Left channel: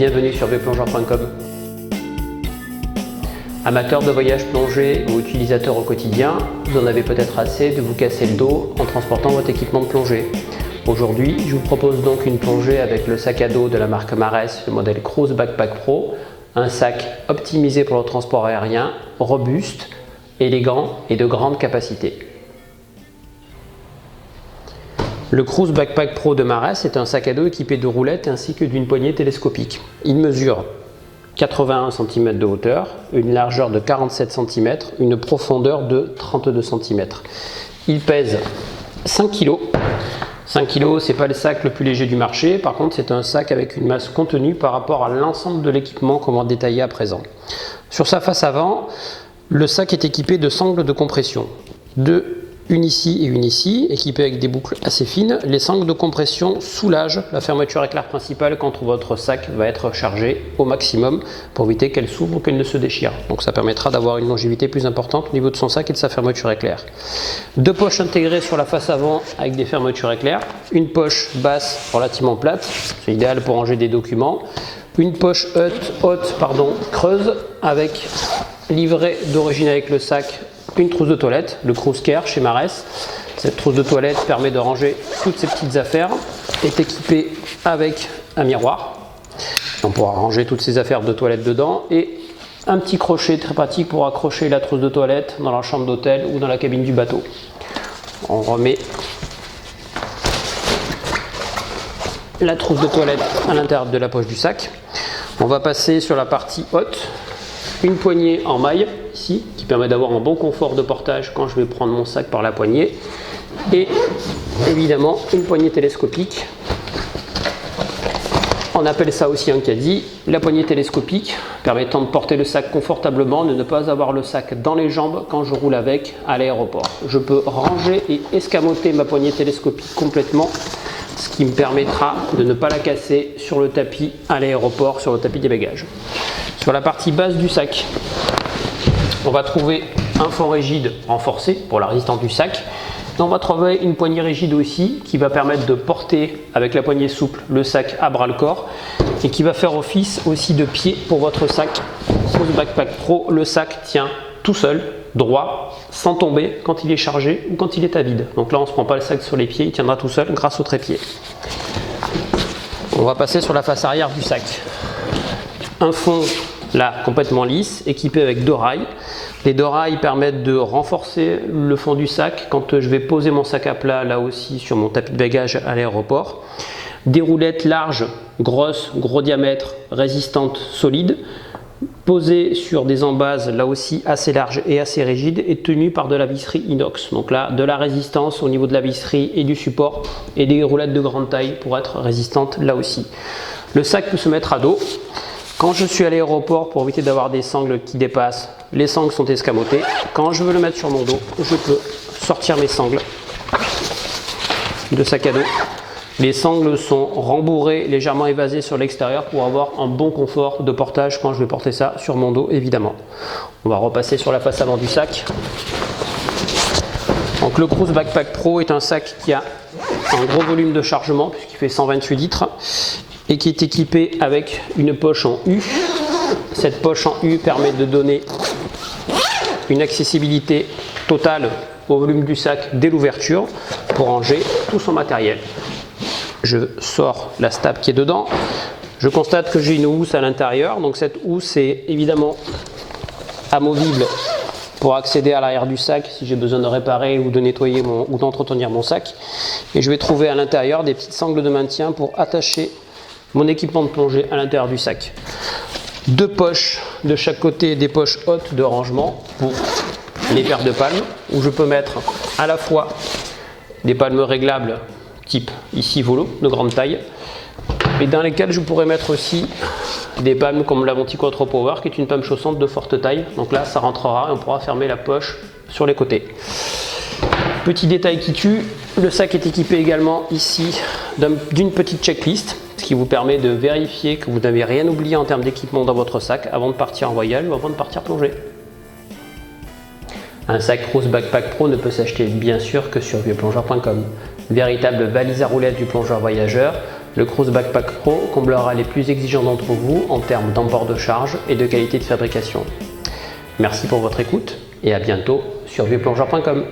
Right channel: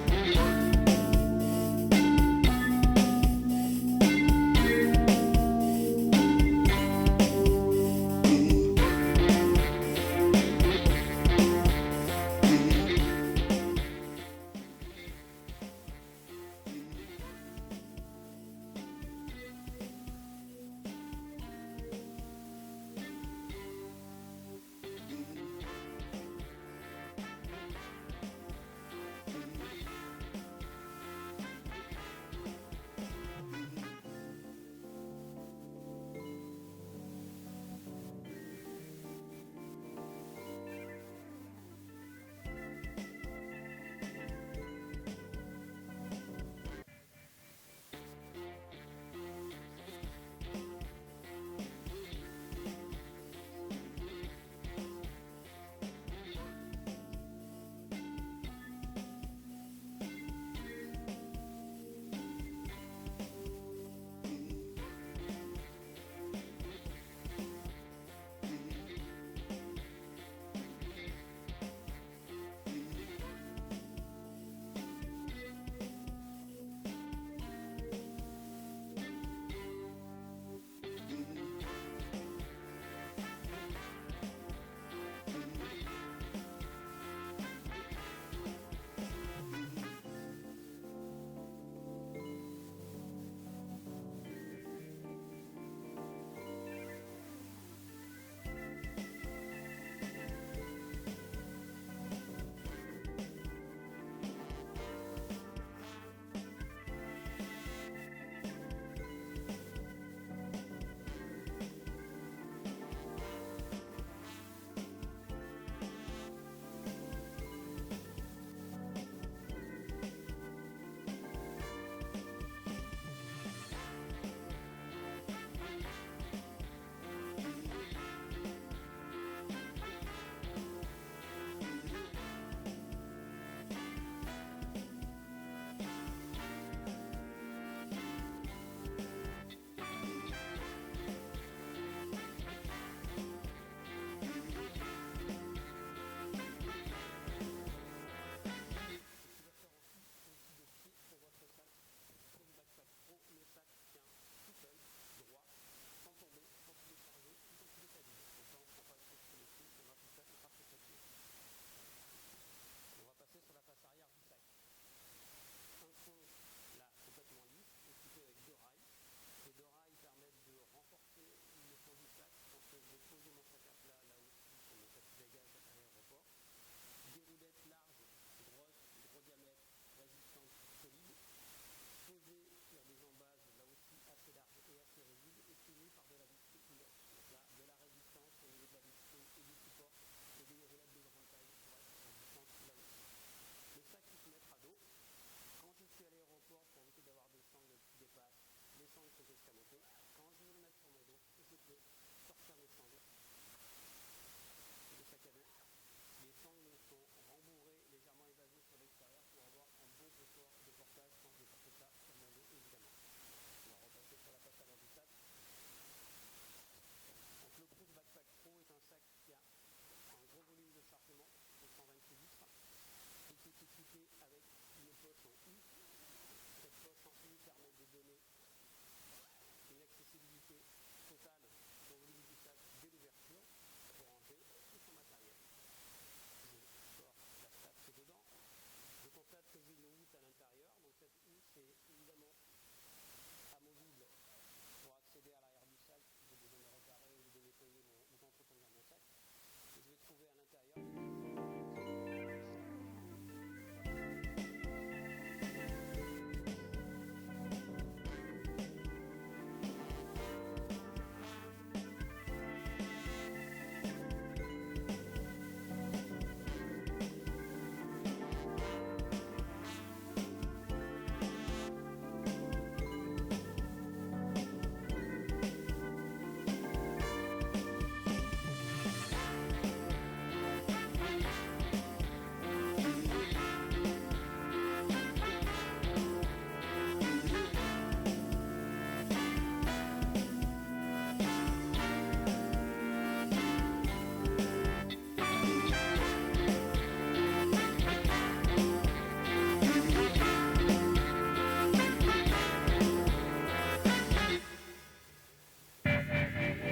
bienvenue sur vplongeur.com. Amateurs de voyage plongée ou utilisateurs au quotidien, vous en avez peut-être assez de vous casser le dos en transportant votre équipement de plongée. Aujourd'hui, je vous propose donc une plongée avec le sac à dos de la marque Marès, le modèle Cruise Backpack Pro, un sac optimisé pour le transport aérien, robuste, élégant et de grande capacité. Le Cruise Backpack Pro de Marès est un sac à dos équipé de roulettes ainsi que d'une poignée télescopique. Il mesure 81 cm de hauteur, une largeur de 47 cm, une profondeur de 32 cm. Il pèse 5 kg. 5 kg, c'est pas le sac le plus léger du marché, par contre c'est un sac avec une masse contenue par rapport à l'ensemble de l'équipement qu'on va détailler à présent. Sur sa face avant, le sac est équipé de sangles de compression. Une ici et une ici, équipées avec des boucles assez fines. Les sangles de compression soulagent la fermeture éclair principale quand votre sac va être chargé au maximum pour éviter qu'elle s'ouvre ou qu'elle ne se déchire. Donc ça permettra d'avoir une longévité plus importante au niveau de son sac et de sa fermeture éclair. Deux poches intégrées sur la face avant avec des fermetures éclair. Une poche basse relativement plate, c'est idéal pour ranger des documents. Une poche haute, creuse avec livret d'origine avec le sac. Une trousse de toilette, le Cruise Care chez Marès. Cette trousse de toilette permet de ranger toutes ces petites affaires, est équipée avec un miroir. On pourra ranger toutes ces affaires de toilette dedans et un petit crochet très pratique pour accrocher la trousse de toilette dans la chambre d'hôtel ou dans la cabine du bateau. On remet la trousse de toilette à l'intérieur de la poche du sac. On va passer sur la partie haute. Une poignée en maille ici qui permet d'avoir un bon confort de portage quand je vais prendre mon sac par la poignée, et évidemment une poignée télescopique. On appelle ça aussi un caddie. La poignée télescopique permettant de porter le sac confortablement, de ne pas avoir le sac dans les jambes quand je roule avec à l'aéroport. Je peux ranger et escamoter ma poignée télescopique complètement, ce qui me permettra de ne pas la casser sur le tapis à l'aéroport, sur le tapis des bagages. Sur la partie basse du sac, on va trouver un fond rigide renforcé pour la résistance du sac. Et on va trouver une poignée rigide aussi qui va permettre de porter avec la poignée souple le sac à bras le corps et qui va faire office aussi de pied pour votre sac. Cruise Backpack Pro, le sac tient tout seul, droit, sans tomber quand il est chargé ou quand il est à vide. Donc là on ne se prend pas le sac sur les pieds, il tiendra tout seul grâce au trépied. On va passer sur la face arrière du sac. Un fond là complètement lisse, équipé avec deux rails. Les deux rails permettent de renforcer le fond du sac quand je vais poser mon sac à plat là aussi sur mon tapis de bagages à l'aéroport. Des roulettes larges, grosses, gros diamètre, résistantes, solides, posées sur des embases là aussi assez larges et assez rigides et tenues par de la visserie inox. Donc là, de la résistance au niveau de la visserie et du support, et des roulettes de grande taille pour être résistantes là aussi. Le sac peut se mettre à dos. Quand je suis à l'aéroport, pour éviter d'avoir des sangles qui dépassent, les sangles sont escamotées. Quand je veux le mettre sur mon dos, je peux sortir mes sangles de sac à dos. Les sangles sont rembourrées, légèrement évasées sur l'extérieur pour avoir un bon confort de portage quand je vais porter ça sur mon dos, évidemment. On va repasser sur la face avant du sac. Donc le Cruise Backpack Pro est un sac qui a un gros volume de chargement puisqu'il fait 128 litres. Et qui est équipé avec une poche en U. Cette poche en U permet de donner une accessibilité totale au volume du sac dès l'ouverture pour ranger tout son matériel. Je sors la stab qui est dedans. Je constate que j'ai une housse à l'intérieur. Donc cette housse est évidemment amovible pour accéder à l'arrière du sac si j'ai besoin de réparer ou de nettoyer ou d'entretenir mon sac. Et je vais trouver à l'intérieur des petites sangles de maintien pour attacher mon équipement de plongée à l'intérieur du sac. Deux poches de chaque côté, des poches hautes de rangement pour les paires de palmes, où je peux mettre à la fois des palmes réglables type ici volo de grande taille, et dans lesquelles je pourrais mettre aussi des palmes comme la Monti Quattro Power qui est une palme chaussante de forte taille. Donc là ça rentrera et on pourra fermer la poche sur les côtés. Petit détail qui tue, le sac est équipé également ici d'une petite checklist, ce qui vous permet de vérifier que vous n'avez rien oublié en termes d'équipement dans votre sac avant de partir en voyage ou avant de partir plonger. Un sac Cruise Backpack Pro ne peut s'acheter bien sûr que sur vieuxplongeur.com. Véritable valise à roulettes du plongeur voyageur, Le Cruise Backpack Pro comblera les plus exigeants d'entre vous en termes d'emport de charge et de qualité de fabrication. Merci pour votre écoute et à bientôt sur vieuxplongeurs.com.